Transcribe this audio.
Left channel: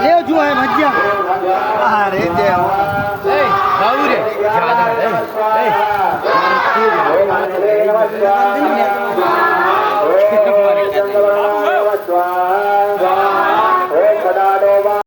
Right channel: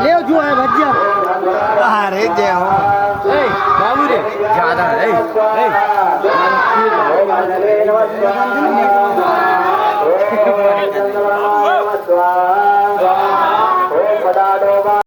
Leo jual bajang. Hari dia. Hey, baru deh. Jalan. Hey. Hey.